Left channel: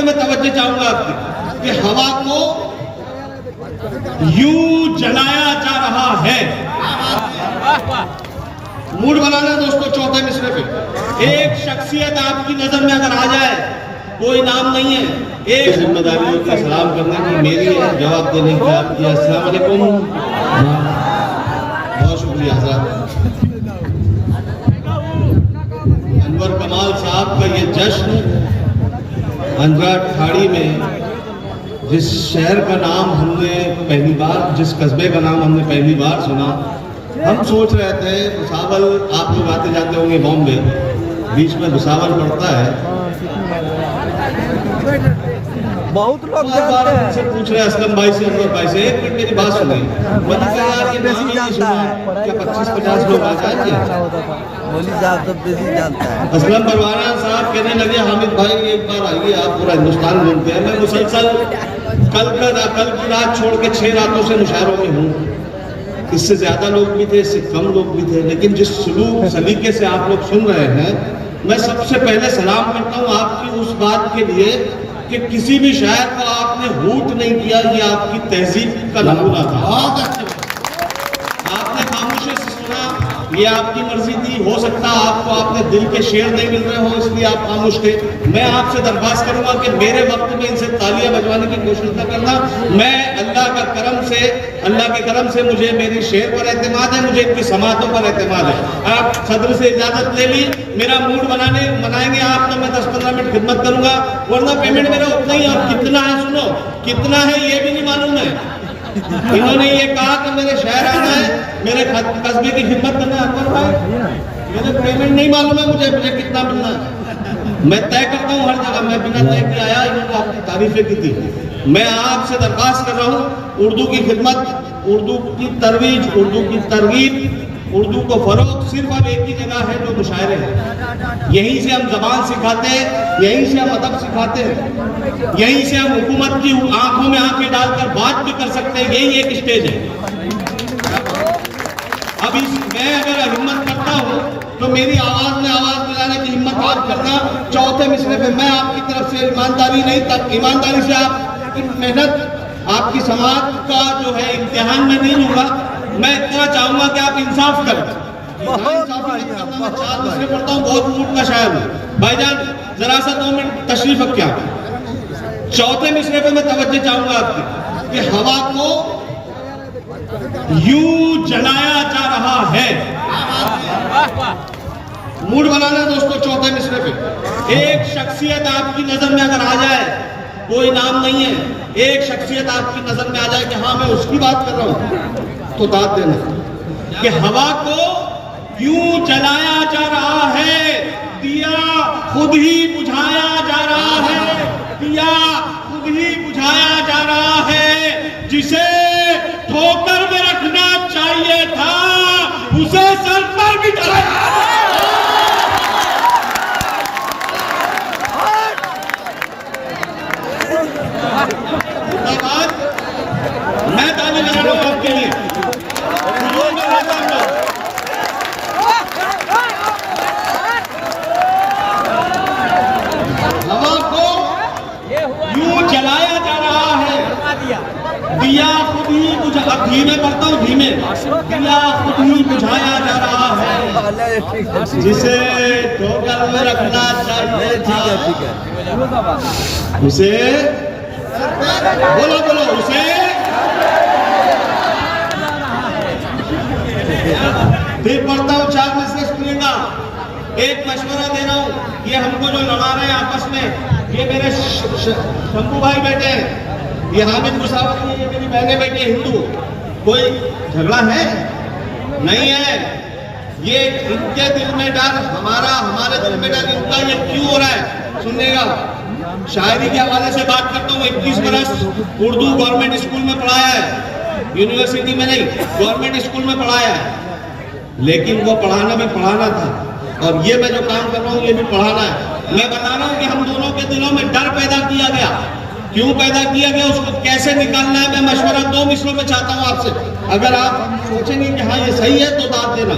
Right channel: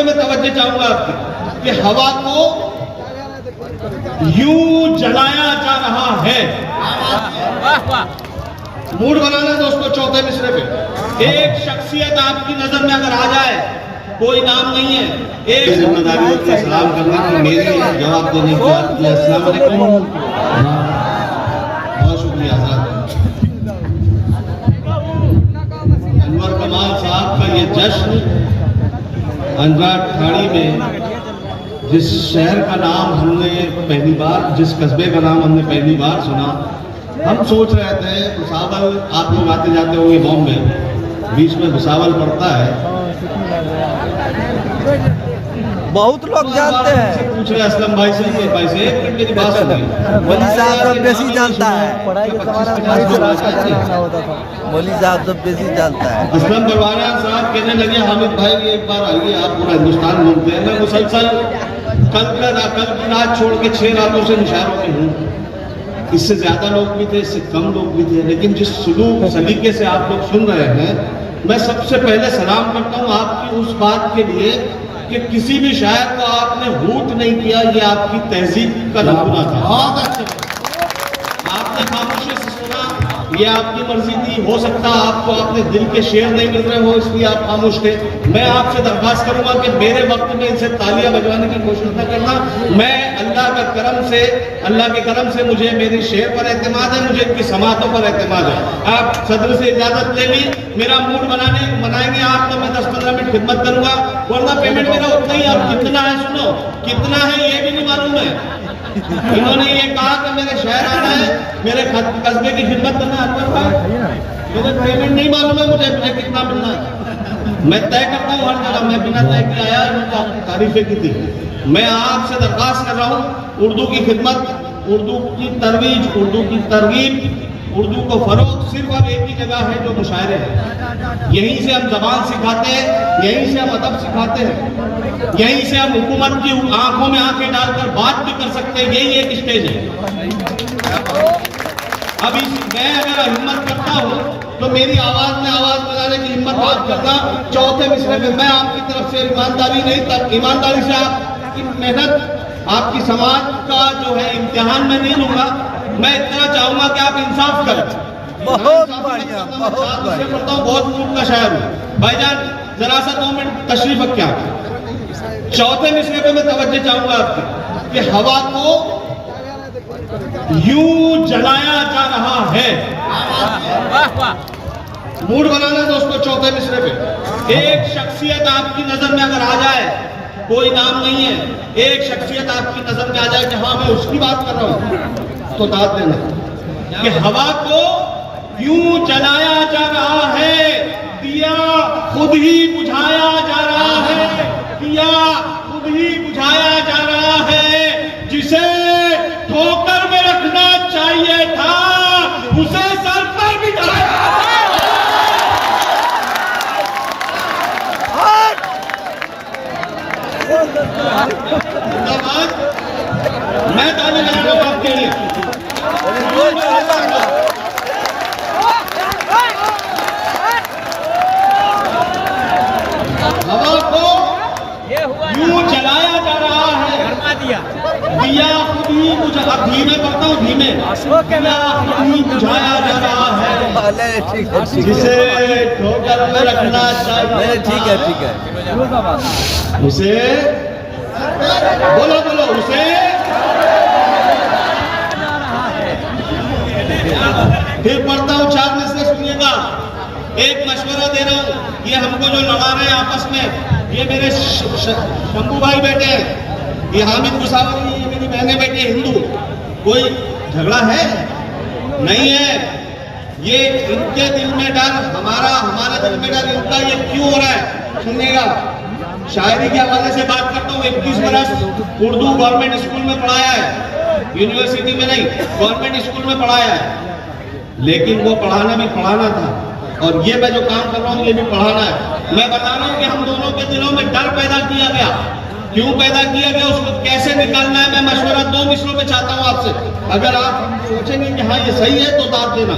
पे मैं तवज्जो चाहूंगा आपकी कि हवा को यूं जलाया जा रहा है। मूड बनाना दोस्तों, चौथे मिसरे पे एक शख्सियत आपकी नजर में अगर आ जाए, कोई नाम नहीं है, एक जिम्मेदारी होती है सलाम करना की मेरी है, जवाब देने की आपकी। अस्सलाम वालेकुम, बहुत शुक्रिया हज़रत। अनवर कमाल साहब का ये जश्न अंजार खाड़ी में, जिस शहर का नाम हमने पहली बार, जिस कस्बे का नाम हमने पहली बार सुना, हम सोच रहे थे भुसावल, आप लोग आते जाते होंगे बॉम्बे, बीच में भुसावल पड़ता है, बहुत लोग जानते हैं। पूछ रहे असलम भाई से, अंवर भाई से, एक मिनट की बात सुनिए। बेसी जानता है, मौली साहब सब बेसी जानता है। असलम बरवाना साहब कहने लगे हामिद भाई एक बार आइए, आप पूरा हिंदुस्तान घूमते हैं। मैं मुसलसल कल की रात छोड़ के 6 रातों से मुशायरों में हूँ। इससे ज्यादा लोग भी थे, इससे कम लोग भी थे, लेकिन जिस सुलूक सलीके से आप लोग सुन रहे हैं, मैं सबसे पहले सलाम करता हूँ आपकी उस बात के लिए कि किसी भी शायर को आपने हूट नहीं किया। ये आपकी तहजीब का नमूना था। बहुत अच्छे, आपने खामोशी से सुना, ये आपकी मर्जी थी। हो सकता है आपको आपने दिल के शेर नहीं मिल रहे हो, इसलिए आप खामोश थे। मैं आपसे दरखास्त करूंगा कि मेरे वक्त में इनसे तालियां बजवाने की कोशिश न करना। मैं अल्लाह के करम से मुझे मेरी शेर पर एतमाद है, मुझे इनकी समातों पर एतमाद है। आप सदर से इजाजत ले ली, मेरा मूड बनाएंगे आप, तो मैं 10-15 मिनट खिदमत करूंगा, वरना पेमेंट मेरा उतना ही। अब कितना है सुनो, कितना है ये भी नहीं मालूम है। इन्होंने ये कहा कि मेरे शहर आना है, मेरे कस्बे की खिदमत करना है, मेरे पेमेंट नहीं मालूम है मुझे कितना मिलना है। मैं तय करता हूँ हर जगह, मैं बिना तय के आया, इन्होंने आपकी तारीफें की थी। मैं आपसे दरखास्त कर रहा हूँ, उर्दू की खिदमत, उर्दू की तरवीज, उर्दू की तरगीब, उर्दू को फरोग सिर्फ अब एक ही जगह है, जो मुशायरे हैं। यहीं से हम जबान सिखाते हैं, यहीं से हम अदब सिखाते हैं, यहीं से हम हुकूमत की आंखों में आंखें डालकर बात भी कर सकते हैं। यही एक स्टेज है। अब मैं अगर हिम्मत करता हूँ तो मेरी आवाज में आवाज मिलाने की हिम्मत आप करना। चौथे मिसरे में मैं आपकी तरफ से ईमानदारी नहीं, तक ईमानदारी से आपकी मेहनत, आपकी समाज का जो है इम्तिहान में नहीं लूंगा। मैं इतना चाहूंगा कि आप इंसाफ करें। बहुत पढ़ता हूँ, बहुत मूड का शायर हूँ। भाईजान जरा सा 2 मिनट तशरीफ रखिए। चौथे मिसरे पे मैं तवज्जो चाहूंगा आपकी कि हवा को यूं जलाया जा रहा है। मूड बनाना दोस्तों, चौथे मिसरे पे एक शख्सियत आपकी नजर में अगर आ जाए, कोई नाम नहीं है, एक शख्सियत आपकी नजर में आ जाए कि हाँ मैं उसकी बात कर रहा हूं, तो दाद देना कि हवा को यूं जलाया जा रहा है, दिया खुद ही बुझाया जा रहा है, दिया खुद ही बुझाया जा रहा है। जिसे ठोकर में रखना चाहिए था, उसे सर पर बिठाया। मैं ताली बजा रहा हूं आपके लिए। हवा को यूं जलाया जा रहा है, दिया खुद ही बुझा, धीमे करता हूँ, धीमे, दिया खुद ही बुझाया जा रहा है। जिसे ठोकर में रखना चाहिए, ठीक है, उसे बोलो उसे। फिर पढ़ता हूँ, 4 में से सुनिएगा। एक मशवरा दे रहा हूँ, ये हमको जो लड़ा रहे हैं आपस में, ये मेरे शंभू भाई बैठे हैं, ये हामिद मुसावर, ये मेरी बहनें बैठी है हिंदू। कोई झगड़ा है नहीं है, ये इनके दिल में डर, हमारे दिल में डर, इनका ये क्यों हो रहा है सुनिएगा। शायरी के हवाले से बात करता हूँ। 21 बरस उर्दू गवर्नमेंट स्कूल में पढ़ाया है, यूनिवर्सिटी में नहीं, गवर्नमेंट स्कूल में पढ़ाया है। लेकिन वो पढ़ाना भी पढ़ाना था, और ये मैं जो काम कर रहा हूँ ये भी पढ़ाना है। मैं बता रहा हूँ कि हम दोनों के दिलों में डर पैदा किया गया, क्यों पैदा किया गया, उसको कैसे निकालना है। मैं मशवरा 2 मिसरों में चाहता हूँ आपसे। अगर आप सोचेंगे कि हाँ ये सही है तो दाद देना।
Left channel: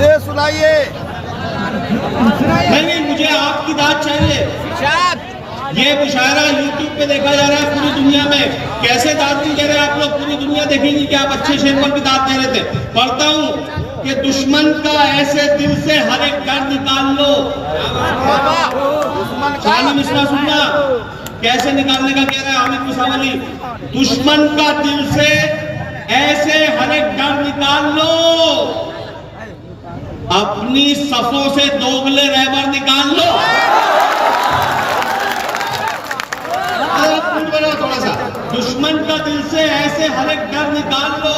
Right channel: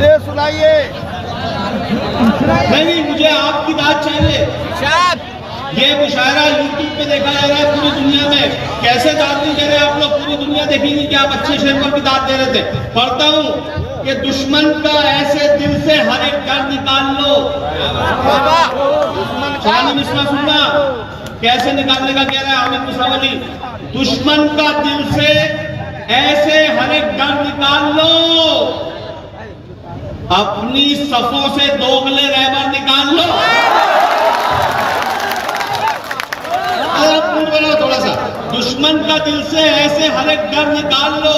ये सुनाइए। नहीं, मुझे आपकी दाद चाहिए। ये मुशायरा यूट्यूब पे देखा जा रहा है पूरी दुनिया में। कैसे दाद नहीं दे रहे आप लोग? पूरी दुनिया देखेंगी कि आप अच्छे शेर पर भी दाद दे रहे थे। पढ़ता हूँ कि दुश्मन का ऐसे दिल से हर एक डर निकाल लो। शानी मिश्रा सुनना कैसे निकालने का कह रहा है हामिद मुसावली। दुश्मन का दिल से ऐसे हर एक डर निकाल लो, अपनी सफों से दोगले रहबर निकाल लो। थोड़ा सा, दुश्मन का दिल से ऐसे हर एक डर निकाल लो,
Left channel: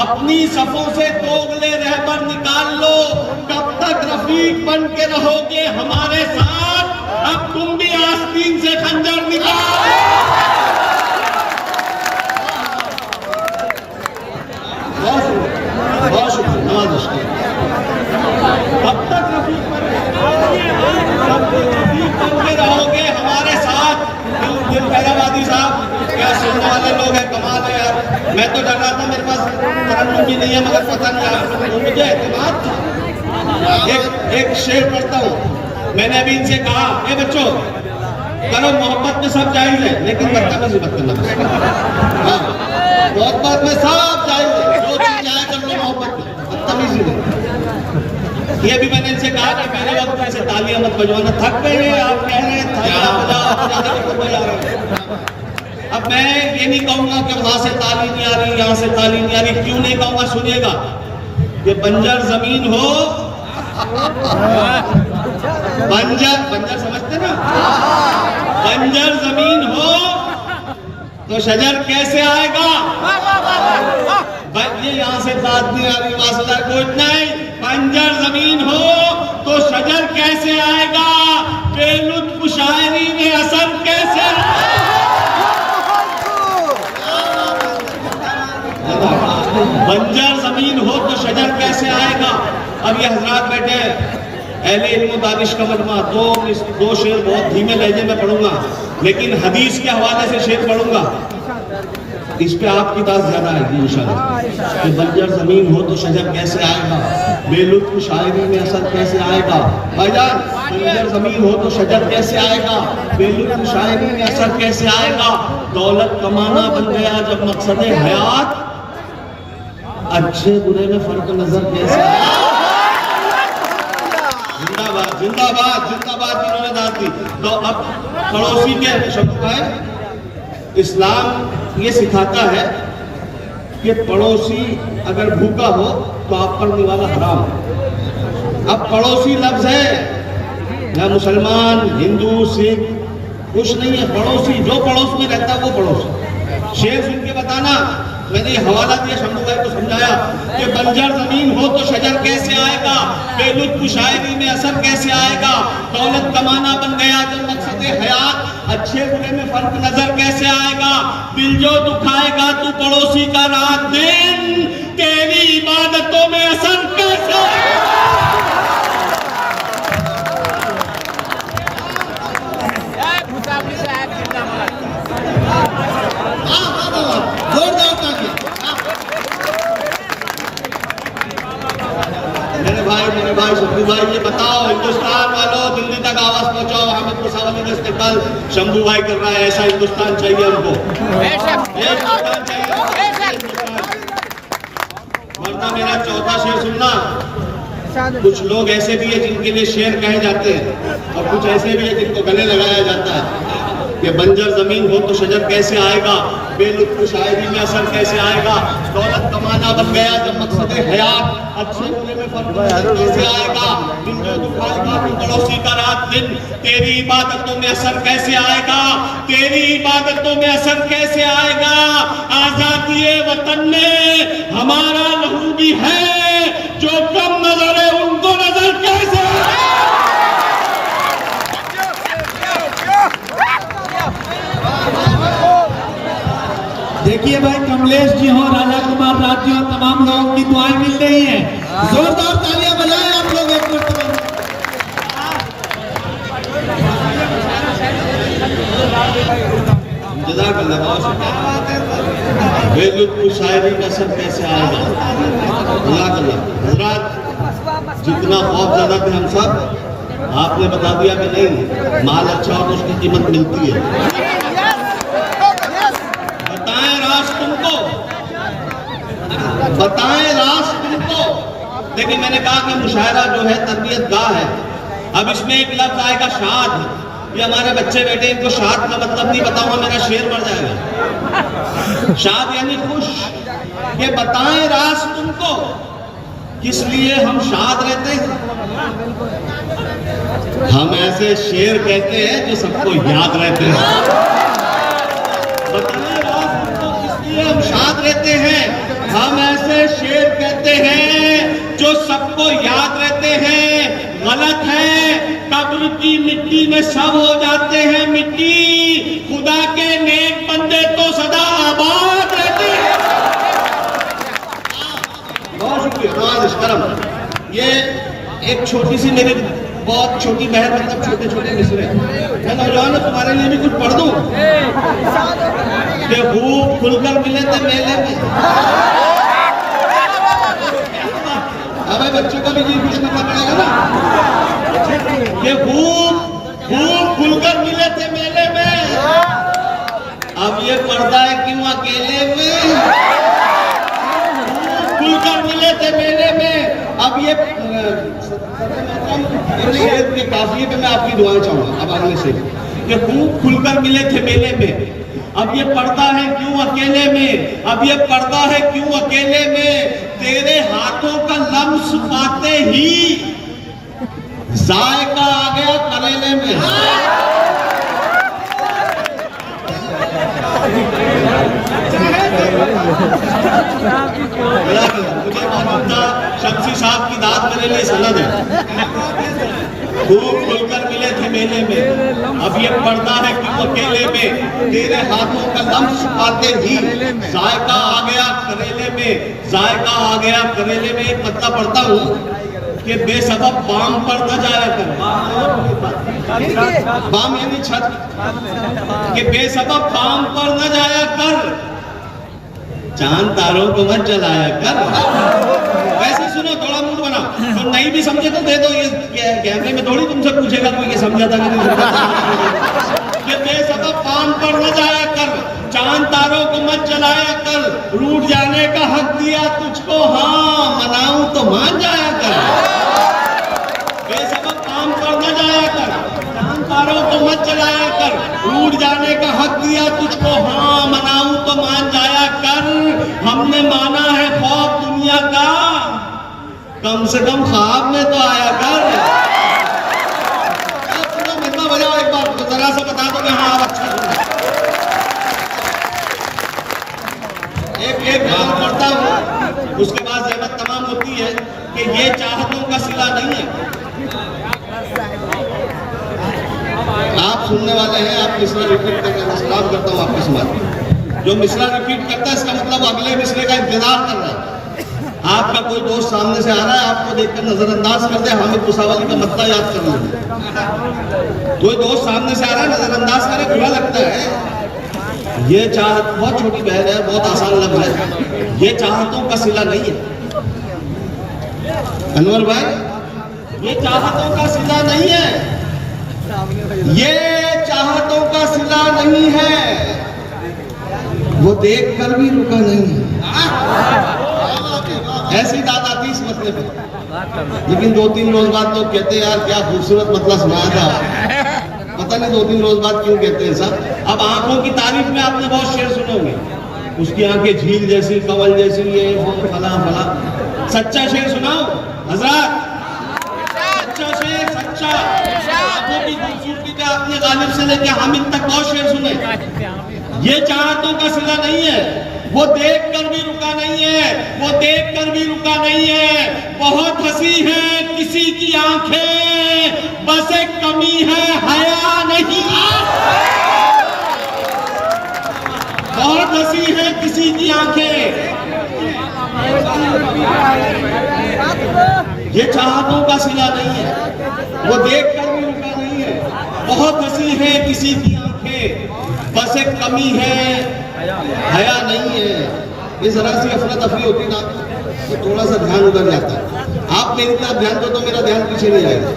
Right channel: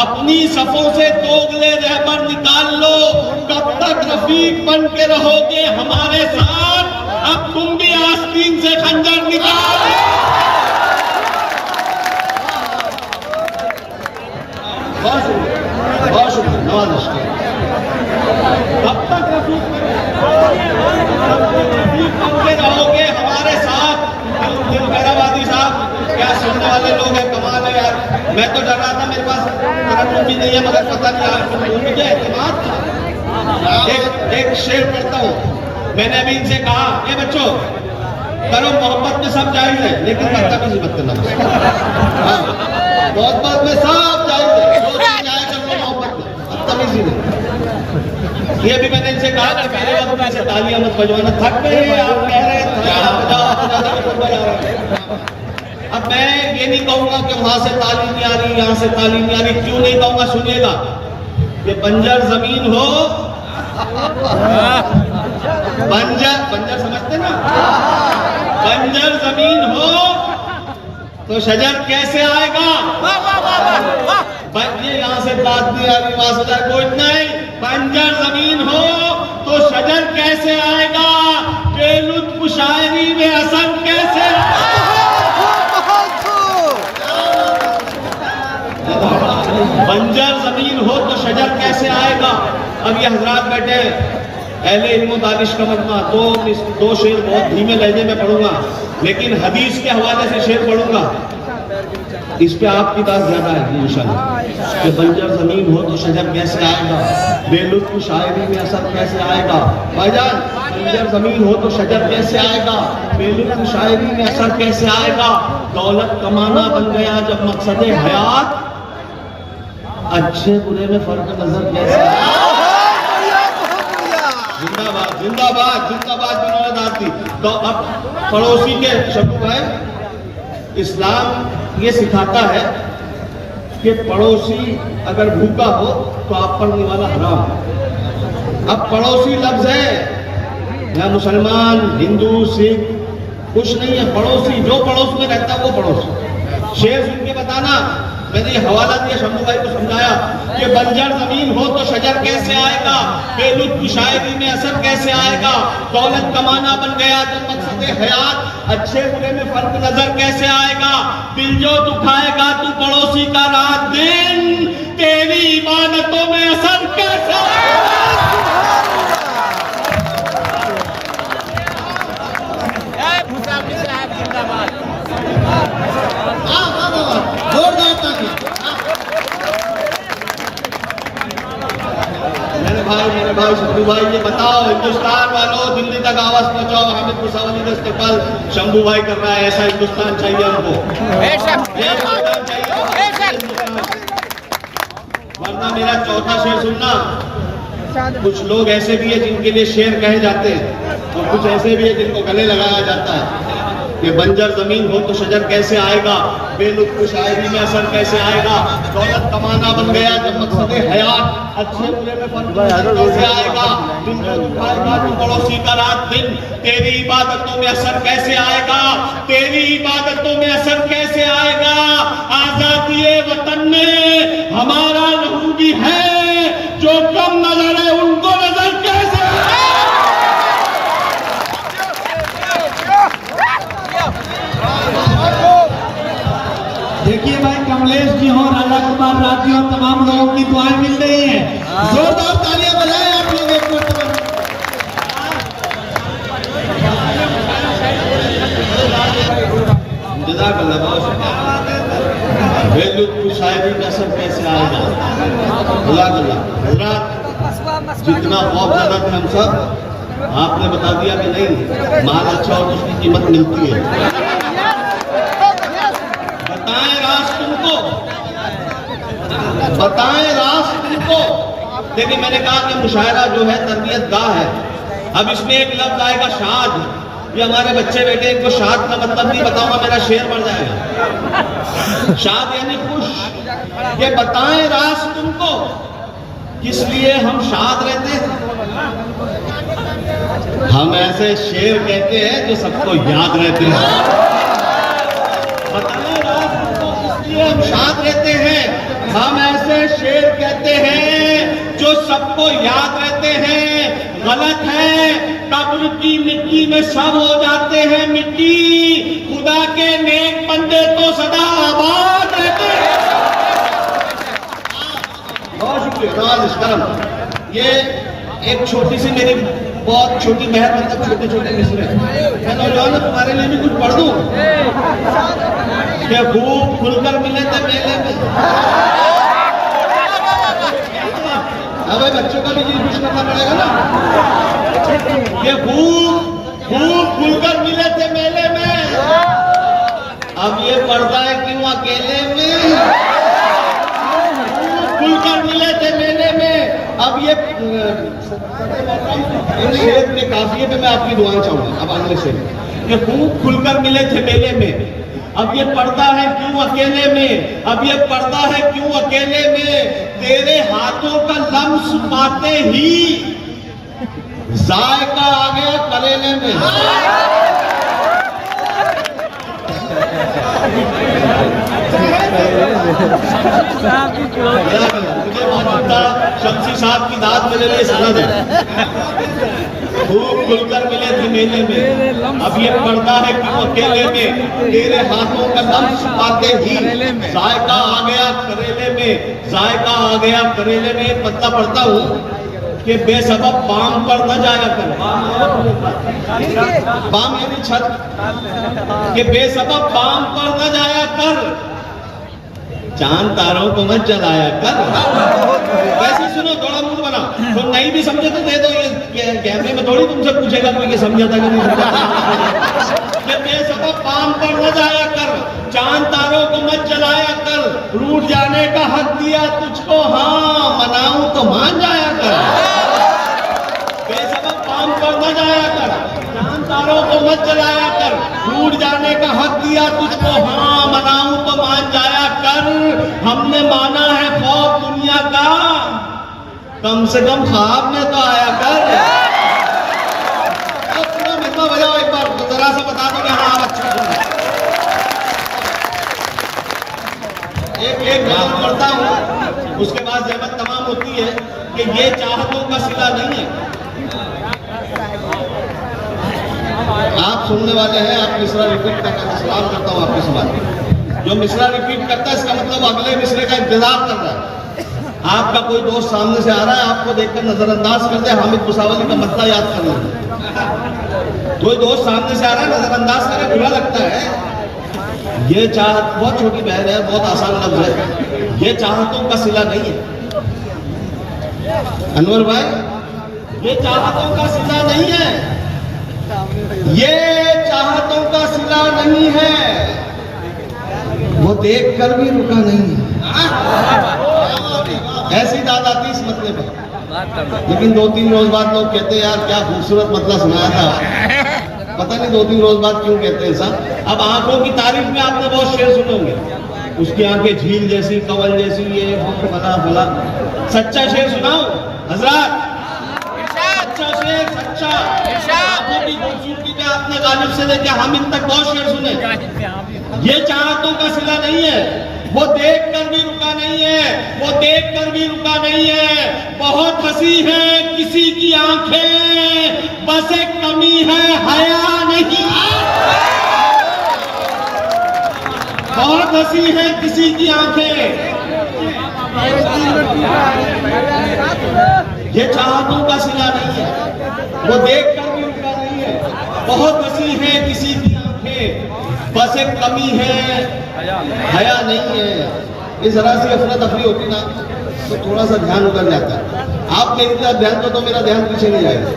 अपनी सफों से दोगले रहबर निकाल लो। कब तक रफीक बन के रहोगे हमारे साथ? अब तुम भी आस्तीन से खंजर निकाल। बहुत शुक्रिया। कब तक रफीक बन के रहोगे हमारे साथ? पैरावादी साहब, क्या सुनने वाले लोग हैं, कमाल है यार। मैं तो डर रहा था, मेरे पास तरन्नुम भी नहीं है, मगर पता नहीं मुझे कमाल था। एक शेर पढ़ता हूँ। मैंने अभी इनसे कहा, ए बच्चों, करो मोहब्बत में सब जायज है, लेकिन बदतमीजी मत करना। मोहब्बत में सब जायज है, जो जायज कर लो मोहब्बत में, बदतमीजी नहीं। ये भी मैंने इनसे कहा कि पहले वक्त से तालियां मत बजवाना, थक गए आप, कह रहे अब मैं ये नहीं कहूंगा कि वहां से ताली नहीं आ रही, यहाँ से ताली नहीं आ रही। क्यों नहीं कहूंगा? सुनिएगा। ये बंजर जमीन हो, बंजर समझते ना, बंजर जमीन हो तो शजर कैसे आएगा? ये यहाँ से दाद नहीं आ रही, वहां से कोई नहीं। बंजर जमीन हो तो शजर कैसे आएगा? बेलुत्फ शायरी में असर कैसे? बंजर जमीन हो तो शजर कैसे आएगा? अब ये हजरात बैठे हैं, अहले इल्म दानिश का मजमा। दो शेर बहुत धीमे लहजे में पढ़ूंगा, लेकिन हदीस के हवाले से शेर पढ़ूंगा। इस पे आपकी दाद ज्यादा आएगी इंशाल्लाह। कि बंजर जमीन हो तो शजर कैसे आएगा? बेलुत्फ शायरी में असर कैसे आएगा? भाईजान, बंजर जमीन हो तो शजर कैसे आएगा? बेलुत्फ शायरी में असर कैसे आएगा? दौलत कमाना बन गया जब मकसद हयात, अच्छे बुरे में फर्क नजर कैसे आएगा? जिंदाबाद जिंदाबाद जिंदाबाद। तो अब पड़ोसी के शब्द है, इस्लाम ये सिखाता है कि पड़ोसी अगर भूखा हो तो आप पर निवाला हराम है। अब पड़ोसी लफ्ज है, ना मुसलमान हिंदू सिख कुछ नहीं है। पड़ोसी जो पड़ोस में रहता है वो पड़ोसी। शेर सुन के बताना। मैंने ये हवाला दिया, शंभू भाई को समझाया कि बंजर जमीन हो तो शजर कैसे आएगा? बेलुत्फ शायरी में असर कैसे आएगा? दौलत कमाना बन गया जब मकसद हयात, अच्छे बुरे में फर्क नजर कैसे आएगा? दिल जो दुखाएगा तू पड़ोसी का रात दिन, तेरी इबादतों में असर कैसे? मेरे भाई शंभू भाई, ये बताओ हिंदुस्तान वालों, दिल्ली तक आवाज पहुंचाओ। हामिद मुसावली का इस्तेमाल शंभू भाई कर रहा है। ऐसा हिंदुस्तान चाहिए हमको, ये हिंदुस्तान चाहिए। वरना मेरा चौथा शेर सुनना। कुछ लोग ऐसे भी है जिनके लिए शेर कहे जाते हैं, और कुछ ऐसे भी है जिनको गले लगाया जाता है। कि बंजर जमीन हो तो शजर कैसे आएगा? बेलुत्फ शायरी में असर कैसे आएगा? दौलत कमाना बन गया जब मकसद हयात, अच्छे बुरे में फर्क कैसे आएगा? दिल जो दुखाएगा तू पड़ोसी का रात दिन, तेरी इबादतों में असर कैसे आएगा? तेरी इबादतों में असर कैसे आएगा? आजादी वतन में हमारा लहू भी है, जो कम नजर है उनको नजर कैसे? देखिए भाई, कमलेश जी हो, राजा कुमार राज जी हो, तमाम लोगों की दुआएं मिल रही हैं। जोरदार तालियां बजाएं आप लोग एक मिनट। बेलुत्फ शायरी का असर कैसे आएगा? जितना खौफ ज्यादा थे हम सब, आपने बता दिया कि नहीं, माल अच्छा और उसकी कीमत मिलती है। बताएं राज तुमको, बताएं राज तुमको। देखिए मैंने कहा कि मुशायरा जो है तरबियत गाह है। अब इसमें एक लफ्ज आएगा शाद। ये हमारे बच्चे बैठे, इनको शाद का मतलब नहीं बताऊंगा, मेरा शेर मर जाएगा। शाद यानी खुश। ये बताएं राज तुमको, किस लिए हम शाद रहते हैं। हम ऐसे शेर कहते हैं जो सबको याद रहते हैं। बताएं राज तुमको, किस लिए हम शाद रहते हैं। हम ऐसे शेर कहते हैं जो सबको याद रहते हैं। गलत है, कब्र की मिट्टी में सब हो जाते हैं मिट्टी। खुदा के नेक बंदे तो सदा आबाद रहते हैं। बहुत शुक्रिया करम। ये एक छोटी सी मेरी बहुत छोटी बहन, मतलब छोटे छोटे मिसरे, मैं नौजवान तुम्हारे लिए भी कुछ पढ़ दूं। कि भूख खुलकर मिले थे मेले में। हमारे बच्चों का भी जी कुछ करना पड़ेगा ना। ये भूख खुलकर मिले थे मेले में, अब ये पर्दा है क्यों अकेले में। खुलकर मिले थे मेले में, अब ये शेर के काफिये पे मैं आपकी दुआएं चाहूंगा। अब अगले शेर, ये भूख खुलकर मिले थे मेले में, अब ये पर्दा है क्यों अकेले में। अब ये पर्दा है क्यों अकेले में। तेरे हाथों का लम्स पाते ही जायका आ गया करेले में। मुझे मालूम था शमसी साहब की दाद मेरे लिए सनद है। खूब खुलकर मिले थे मेले में, अब ये पर्दा है क्यों अकेले में। तेरे हाथों का लम्स पाते ही जायका आ गया करेले में। जायका आ गया करेले में। एक पत्ता पढ़ता हूँ कि बेसबब बाम पर न जाया कर। बाम यानी छत, कि बेसबब बाम पर न जाया कर। चांद तारों को मत जलाया कर। वैसे सुनो, थोड़ा मूड बना। तो नहीं भी समझे तो दे दो। ये कैमरे में थोड़ी तुमसे पूछेगा कोई ये समझा था कि नहीं समझा। ये बेसबब बाम पर न जाया कर, चांद तारों को मत जलाया कर। रूठ जाने का हक दिया तुझको, हाँ मनाऊं तो मान जाया कर। बेसबब बाम पर न जाया कर, चांद तारों को मत जलाया कर। रूठ जाने का हक दिया तुझको, हाँ मनाऊं तो मान जाया कर। हमने माना है खौफ दुनिया का, कम से कम ख्वाब में तो आया कर। पूरा मतलब बजाओ एक बार, तो जरा सा बता दो कि हाँ आप अच्छा सुन। एक बात करता हूँ, उसके बाद जहमत तमाम होती है कि ये चाहतों का सिला नहीं है। आप सुनने वाले हैं, आप मिसरा रिपीट कर रहे हैं। सलाम करता हूँ आपके समाज। जो मिसरा रिपीट करता है इसका मतलब अगले मिसरे का इंतजार कर रहा है। आपका कोई दोस्त सामने से आ रहा है, आपको देखकर नजरअंदाज कर दे, हामिद मुसावरी का मत्ता याद कर लो। कोई दोस्त सामने से आ रहा है, नजरअंदाज करे, बुरा लगता है। ये चाहत बहुत छोटी बहन है, बहुत आसान लफ्ज है। ये चाहतों का सिला नहीं है अनवर भाई, ये चाहतों का सिला नहीं है। ये चाहतों का सिला नहीं है। वो देख कर भी रुका नहीं। ऐसी दाद आती इस मतलब है। लेकिन 2-3 रोज बाद लोग कहते हैं यार क्या खूबसूरत मतलब सुनाया था। पता नहीं 2-3 रोज बाद क्यों कहते हैं साहब। अब आंखों की तारीफ में आपने बहुत शेर सुने होंगे, उसकी आंखें झील जैसी, कंवल जैसी, ये फला फला। सच्चा शेर सुनाओ हजरत, सच्चा शेर, सच्चा। आंखों की खूबसूरती पे आपने गालिब से लेकर हामिद तक बहुत शेर सुने। ये चाहतों का सिला नहीं है। वो देख कर भी रुका नहीं है, वो देख कर भी रुका नहीं है। बहुत हंसी है किसी की आंखें, बस एक कमी है हया नहीं। बहुत हंसी है किसी की आंखें। ये चाहतों का सिला नहीं है। वो देख कर भी रुका नहीं है। बहुत हंसी है किसी की आंखें, बस एक कमी है हया नहीं है। इस जरा सी अफरा तफरी होती ना तो थोड़ा सा ध्यान उधर जाता है। आप मेरी तरफ ध्यान दो तो मेरा ध्यान पीछे नहीं जाएगा।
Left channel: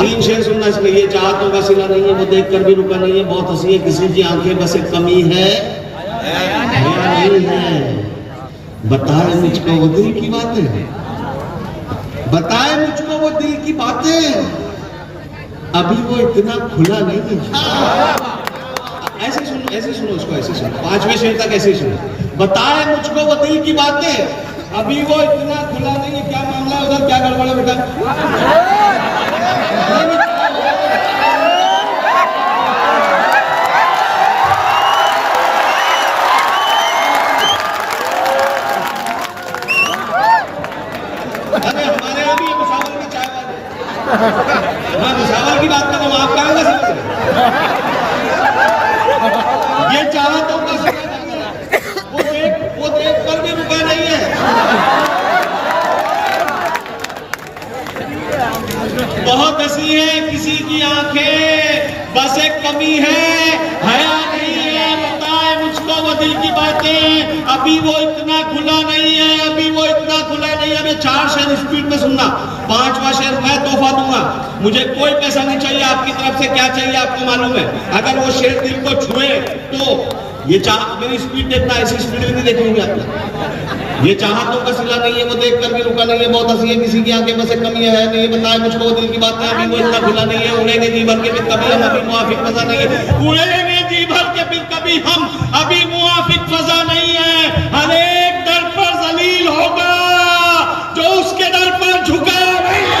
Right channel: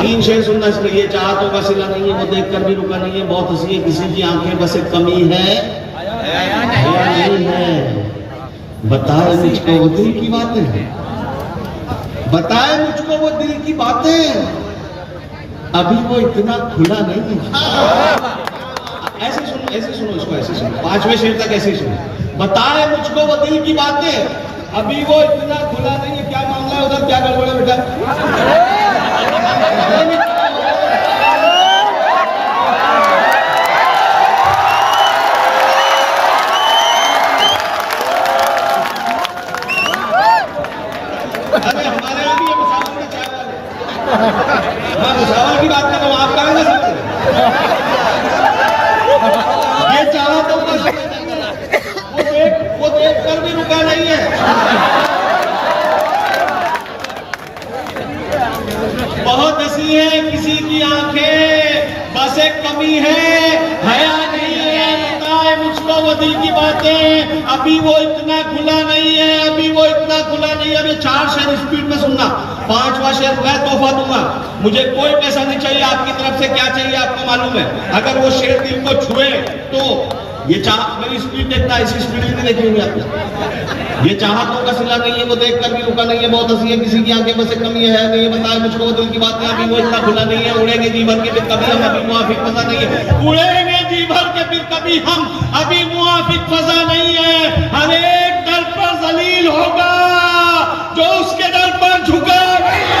3 शेर सुनना इसमें। ये चाहतों का सिला नहीं है, वो देख कर भी रुका नहीं है, बहुत हंसी है किसी की आंखें, बस एक कमी है या नहीं है। बताए मुझको वो दिल की बातें, बताए मुझको वो दिल की बातें, अभी वो इतना खुला नहीं है। ऐसे सुनो इसको, ऐसे सुनो, 5वें शेर तक ऐसे सुनो। बताए मुझको वो दिल की बातें, अभी वो इतना खुला नहीं है। क्या मामला है उधर, क्या गड़बड़ है बेटा? अरे हमारे यहाँ भी ये मुसावल में चाय मैं मुसावल की बात कर रहा हूँ, आप क्या नहीं सकते। ये चाहतों का सिला नहीं है, वो देख कर भी रुका नहीं है। बहुत हंसी है किसी की आंखें, बस एक कमी है हया नहीं है। बताए मुझको वो दिल की बातें, अभी वो इतना खुला नहीं है, अभी वो इतना खुला नहीं है। अब ये 4 शेर स्पीड में सुनना, 5वां शेर मैं तोहफा दूंगा। मुझे कोई पैसा नहीं चाहिए, आपकी तरफ से क्या चाहिए आपको मालूम है। अगर वो शेर दिल को छुए तो ये मेरी स्पीड देखना, ऐसी स्पीड में नहीं देखेंगे आप। ये चाहतों का सिला नहीं है, वो देख कर भी रुका नहीं है, बहुत हंसी है किसी की आंखें, बस एक कमी है नहीं। बताए मुझको वो दिल की बात है, अभी वो इतना खुला नहीं है। उड़ेंगे जी भर के फिर कभी हम, अभी मुआफिक फजा नहीं है। उड़ेंगे जी भर के फिर कभी हम, अभी मुआफिक फजा नहीं है। हर एक दर पर जलील होगा जो उसके दर पर झुका नहीं है।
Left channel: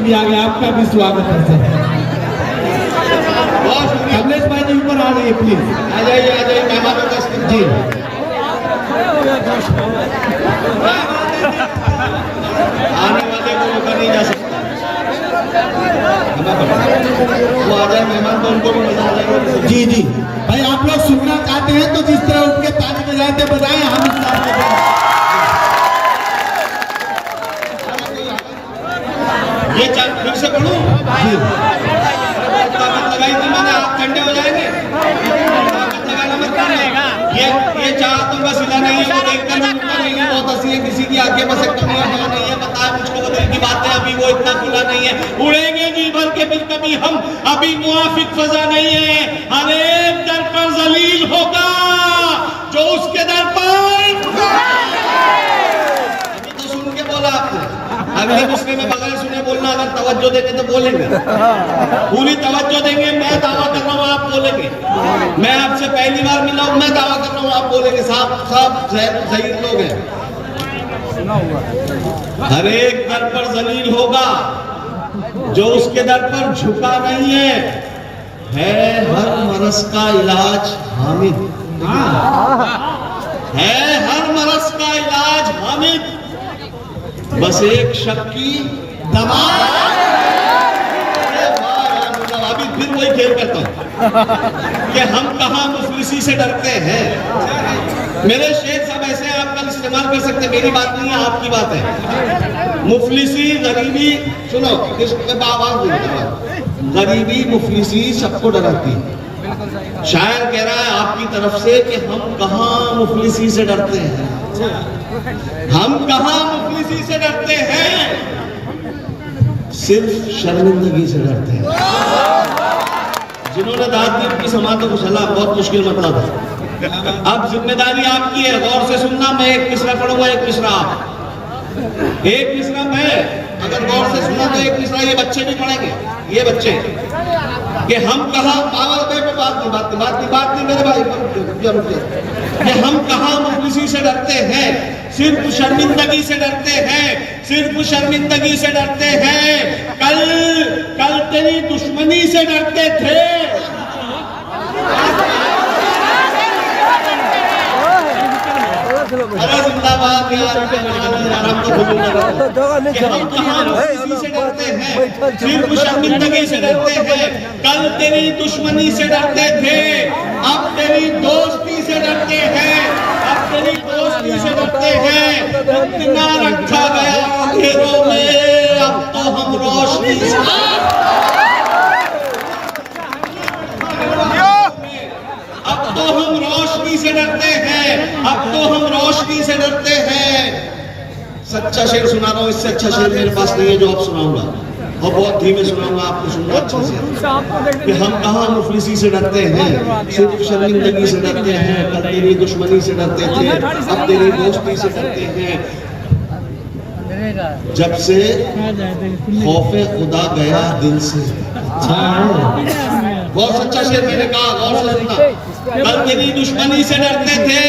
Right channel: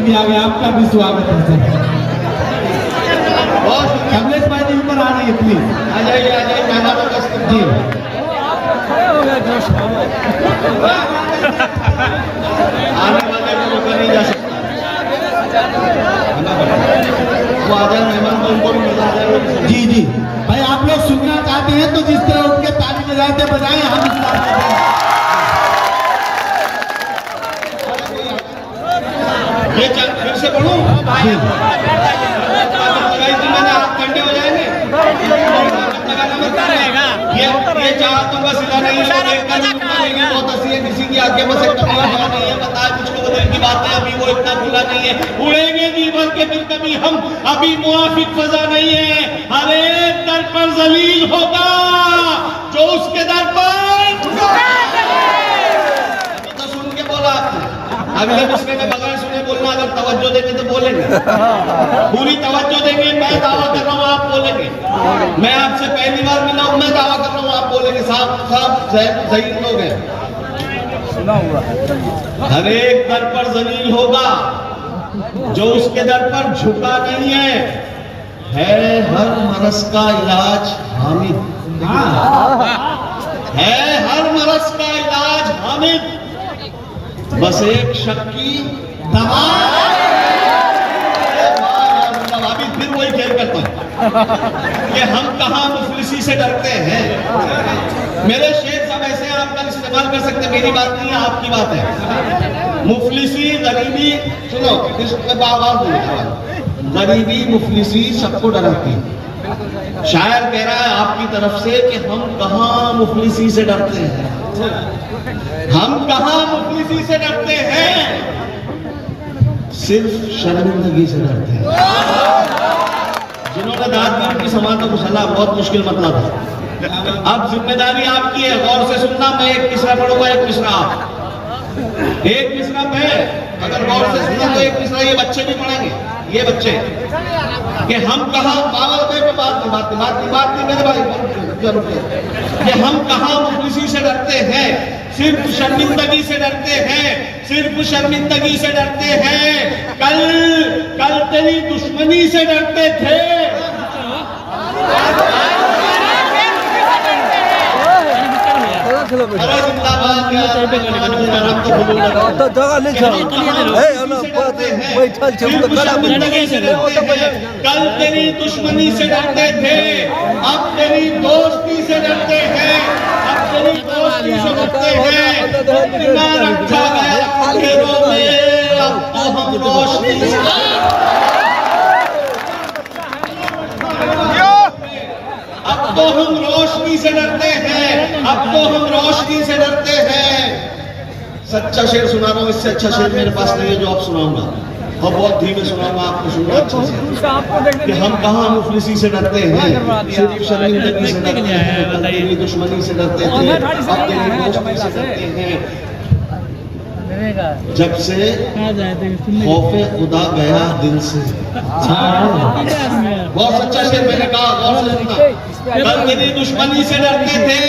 भी आ गए, आपका भी स्वागत है। कमलेश भाई जी ऊपर आ रही है प्लीज। आ जाइए मैदान में जी। आने वाले को रोका नहीं जा सकता। वो आ जाए मेहमान तो उनको भी मजा आ जाएगा। जी जी भाई, आप लोग सुनना चाहते हैं तो जिस तरह उठ के ताली बजाते बजाए, हम इस ये फिर से पढ़ूं? जी लगाई थी मैंने, आप घंटे हो जाएंगे। ये चाहतों का सिला नहीं है, वो देखकर भी रुका नहीं है, बहुत हंसी है किसी की आंखें, बस एक कमी है नहीं है। बताए मुझको वो दिल की बात है, अभी वो इतना खुला नहीं है। उड़ेंगे जी भर के फिर कभी हम, अभी मुआफिक फजा नहीं है। हर एक दर पर जलील होगा जो उसके दर पर। तो सुन के बोला आपने, अगले मुस्लिम में बगैर सुने बोलना। अगर तवज्जो देंगे तो बोलेंगे, पूरी तवज्जो देंगे। मैं दावा कर रहा हूँ आप बोलेंगे। मैं आपसे पहली बार मिला हूँ, मैं दावा कर रहा हूँ आप बोलेंगे। साहब सही लोग हैं। हर एक दर पर जलील होगा जो उसके दर पर झुका नहीं है। हर मरस का इलाज हामिद है, हर मरस का इलाज हामिद, बस एक शक की दवा। अभी फिर वही खेल करता हूं कि हम कहां मुफलिसी से डरते हैं। मेरे शेर सब ऐसे आप कल इस्तेमाल कर सकते हैं, मेरी बात नहीं है आपकी बात है। मुफलिसी गरीबी, सुनो इसमें बात बोलूंगा, गरीबी मुफलिसी सबको डराती है। शायर कह रहा है आपकी तरफ से कि हम कहां मुफलिसी से डरते हैं, हम कहां मुफलिसी से डरते हैं, सिर्फ शर्मिंदगी से डरते हैं। जिन्होंने दाद दी उनकी समाज को सलाह बहुत मुश्किल मसला था। अब जिम्मेदारी आपकी है, गौर से सुनना। मैं एक मिसरा पढ़ूंगा, एक मिसरा आप। एक मिसरा मैं, अगर गौर से सुना तो एक मिसरा ये बच्चे भी पढ़ेंगे। ये बच्चे कि हम कहां पावर पे बात नहीं मेरे भाई, कि हम कहां मुफलिसी से डरते हैं, सिर्फ शर्मिंदगी से डरते हैं, सिर्फ शर्मिंदगी से डरते हैं। कल तेरी दुश्मनी से डरते थे, अरे जिंदाबाद बात यार, आराम से बोलूं ना। तो जगह नहीं छोड़ा। सिर्फ शर्मिंदगी से डरते हैं। कल तेरी दुश्मनी से डरते थे, अब तेरी दोस्ती से डरते हैं, अब तेरी दोस्ती से डरते हैं। इतना रखा गया अंधेरों में, अब तो हम रोशनी तो हम रोशनी से डरते हैं, अब तो हम रोशनी से डरते हैं। सच्चा शेर सुना रहा हूं, इससे अच्छा शेर मेरे पास नहीं है जो आप सुनाऊंगा, और बहुत धीमे सुनाऊंगा, आपको सुनना अच्छे से। कि हम कहाँ मुफलिसी से डरते हैं, सिर्फ शर्मिंदगी से डरते हैं। कल तेरी दुश्मनी से डरते थे, अब तेरी दोस्ती से डरते हैं। जब से खौफे खुदा गया दिल से। बहुत सच्चा शेर मैंने कहा, गौर से सुनना। कल तेरी दुश्मनी से डरते थे,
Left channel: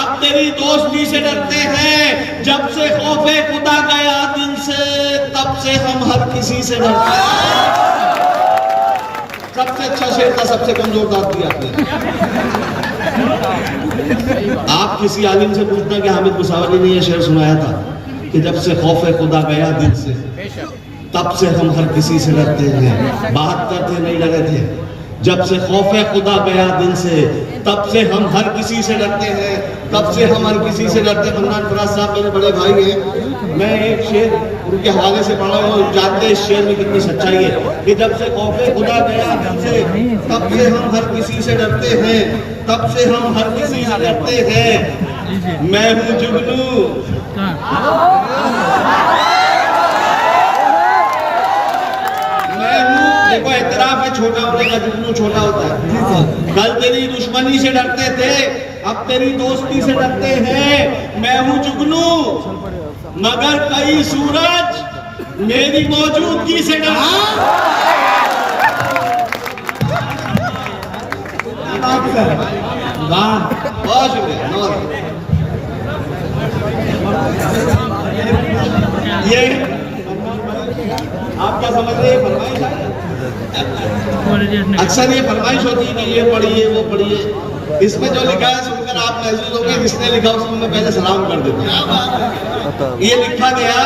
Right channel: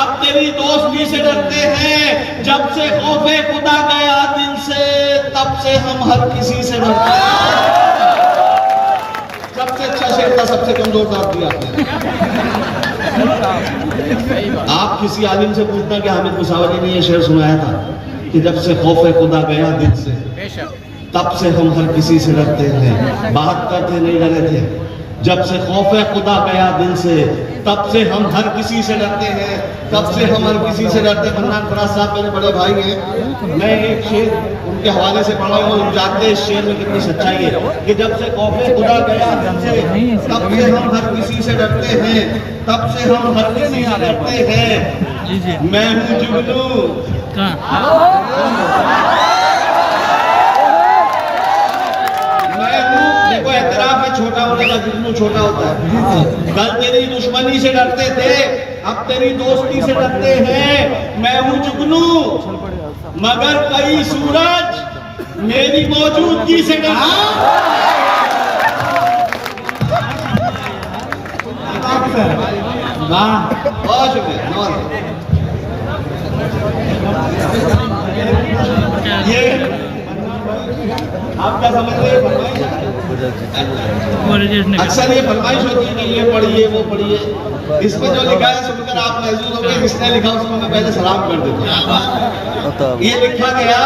अब तेरी दोस्ती से डरते हैं। जब से खौफे खुदा गया दिल से, तब से हम हर किसी से डरते हैं। सबसे अच्छा शेर था, सबसे कमजोर दाब दिया आपने। आप किसी आलिम से पूछते हैं कि हामिद मुसावरी ने यह शेर सुनाया था कि जब से खौफे खुदा गया दिल से, तब से हम हर किसी से डरते हैं। 72 थे, नहीं डरे थे। जब से खौफे खुदा गया दिल से, तब से हम हर किसी से डरते हैं, तब से हम हर किसी से डरते। मन्नान फराज साहब मेरे बड़े भाई हैं, मैं एक शेर उनके हवाले से पढ़ा हूँ, जानते हैं इस शेर में कितनी सच्चाई है कि जब से खौफे खुदा गया दिल से, तब से हम हर किसी से डरते हैं, तब से हम हर किसी से डरते हैं। मैं हूँ जुगनू, देखो एतराफ है छोटा होने का, जुगनू छोटा होता है। कल तेरी दुश्मनी से डरते थे, अब तेरी दोस्ती से डरते हैं। मैं हूँ जुगनू, मगर कई सूरज मेरी मौजूदगी से डरते हैं। बहुत शुक्रिया। ये आप क्या समझ रहे हैं, फरमाइश है? अक्सर ये फरमाइश होती है कि ये पढ़िए वो पढ़िए। इसमें जो लिखा है सुनकर आप महसूस होंगे जिसने लिखा उसको मैं पहले सलाम कर देता हूँ। ये लिखा गया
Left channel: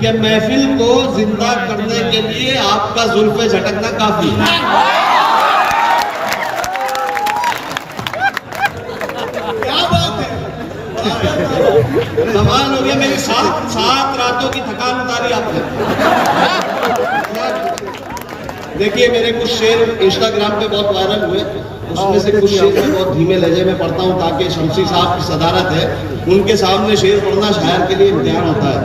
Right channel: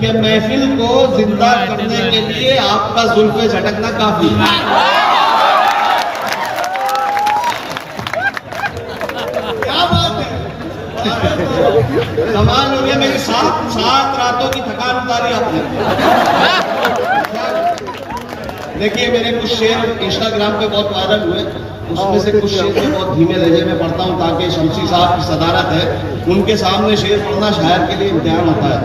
कि महफिल को जिंदा करने के लिए आपका जुल्फे झटकना काफी है। क्या बात है, कमाल हो गया। मेरी 7 रातों की थकान उतारी आपने। देखिए मेरे कुछ शेर इंस्टाग्राम पे बहुत वायरल हुए, उसमें से कुछ शेर मैं बहुत धीमे लहजे में पढ़ता हूँ ताकि शमसी साहब की सदारत है, उनके सामने शेर पढ़ना शायर के लिए इम्तिहान होता है।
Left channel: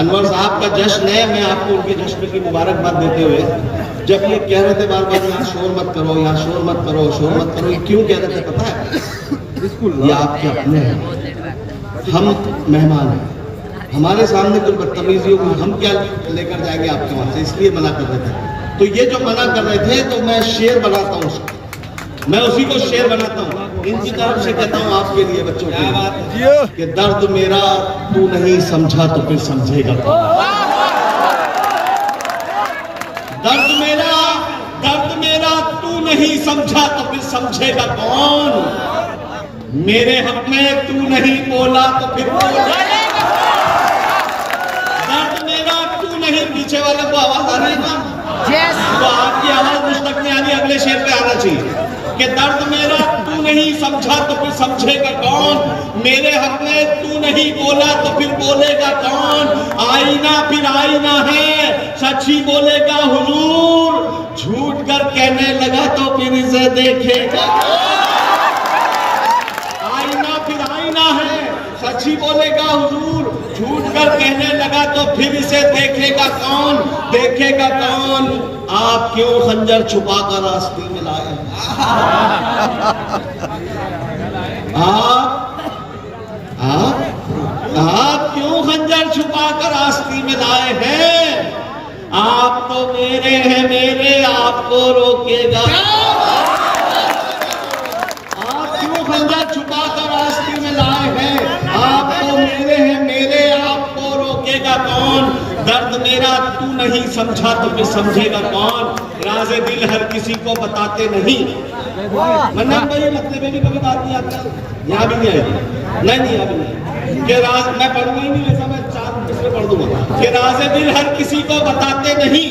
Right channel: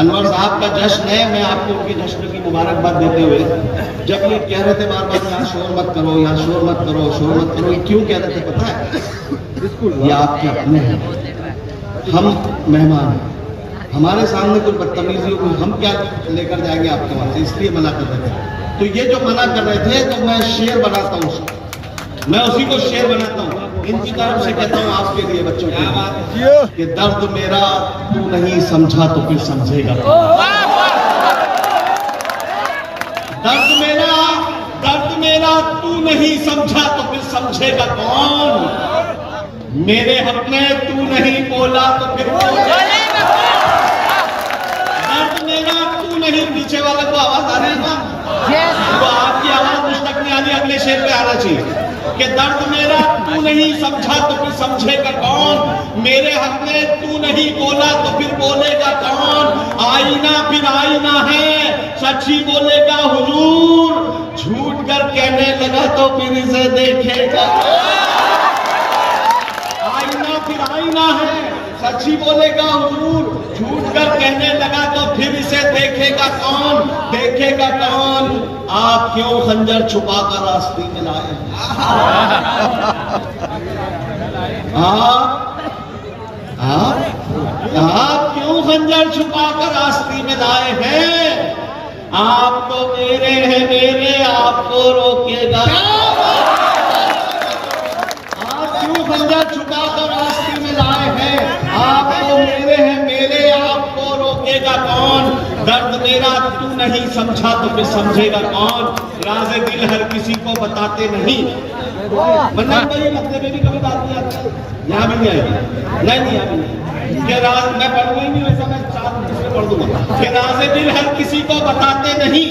अनवर साहब का जश्न है, मैं आपको उनके जश्न की मुबारकबाद देते हुए, जब ये कह रहे थे बार बार यहाँ शोर मत करो, यहाँ शोर मत करो, शोर मत करो, ये क्यों कह रहे थे पता है? ये आपके अपने हैं, हम मेहमान हैं, हमारे सामने कोई बदतमीजी हो, हम क्या लेकर जाएंगे आपके वहां से, इसलिए मना कर रहे थे। तो ये जो मना कर रहे थे तो मैं शेर बनाता हूँ, मैं उसी को शेर बनाता हूँ। इनकी तरफ से कहता हूँ आपके लिए बच्चों के लिए कि दर्द मेरा तू नहीं समझा तो फिर समझेगा। दर्द मेरा तू नहीं समझा तो फिर समझेगा कौन? मेरे हक में तू नहीं बोला तो फिर बोलेगा। दर्द मेरा तू नहीं, पीछे वाले को आवाज आ रही है, तो आपकी आवाज मुझ तक नहीं आ रही, अगले शेर पे आना चाहिए कि दर्द मेरा तू नहीं समझा तो फिर समझेगा कौन? मेरे हक में तू नहीं बोला तो फिर बोलेगा कौन? आईना फिर आईना है, सच ही बोलेगा हुजूर, झूठ कर कहने लगा तो फिर इसे देखेगा। आईना फिर आईना है, सच ही बोलेगा हुजूर, झूठ कर कहने लगा तो फिर इसे देखेगा कौन? देखेगा कौन? आप क्यों खंजर छुपा कर रास्ते में लाए? आप क्यों खंजर छुपा कर रास्ते में लाए हैं? आप तो मेरे हैं, मेरे आपको रोकेगा। आप क्यों खंजर छुपा कर रास्ते में लाए हैं? आप तो मेरे हैं, मेरे आपको रोकेगा कौन? दर्द मेरा तू नहीं समझा तो फिर समझेगा कौन? राज़े दिल हर किसी को बताते नहीं, वरना भाई मतलब भी कभी बात नहीं आती, यहाँ भी नहीं आएगी, नहीं यहाँ भी नहीं। कि राज मैं पढ़ूंगा ही नहीं, वैसा मैं 4 दूसरे पढ़ दूंगा कि राज़े दिल हर किसी को बताते नहीं,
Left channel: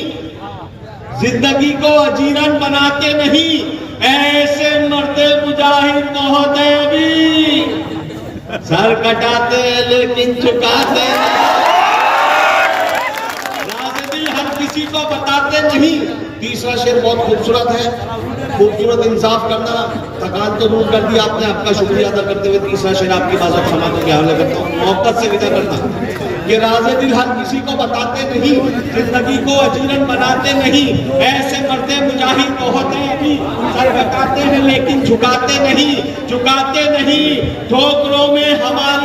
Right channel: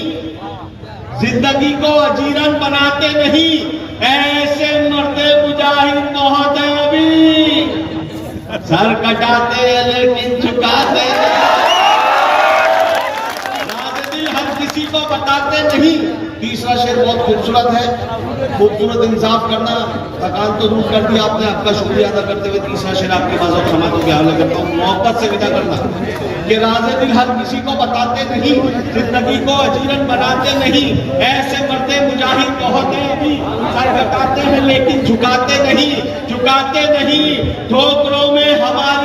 जिंदगी को अजीरन बनाते नहीं, ऐसे मरते मुजाहिद बहुत है अभी, सर कटाते लेकिन झुकाते किसी को बताते नहीं। तीसरा शेर बहुत खूबसूरत है, खूबसूरत इंसाफ करना, थकान तो दूर कर दिया आपने, आपका शुक्रिया अदा करते हुए तीसरा शेर आपकी बात समातों के हवाले करता हूँ, मोहब्बत से विदा करना कि राज़े दिल हर किसी को बताते नहीं, जिंदगी को अजीरन बनाते नहीं, ऐसे मरते मुजाहिद बहुत है अभी, सर कटाते हैं लेकिन झुकाते नहीं, झुकाते नहीं, ठोकरों में हमारा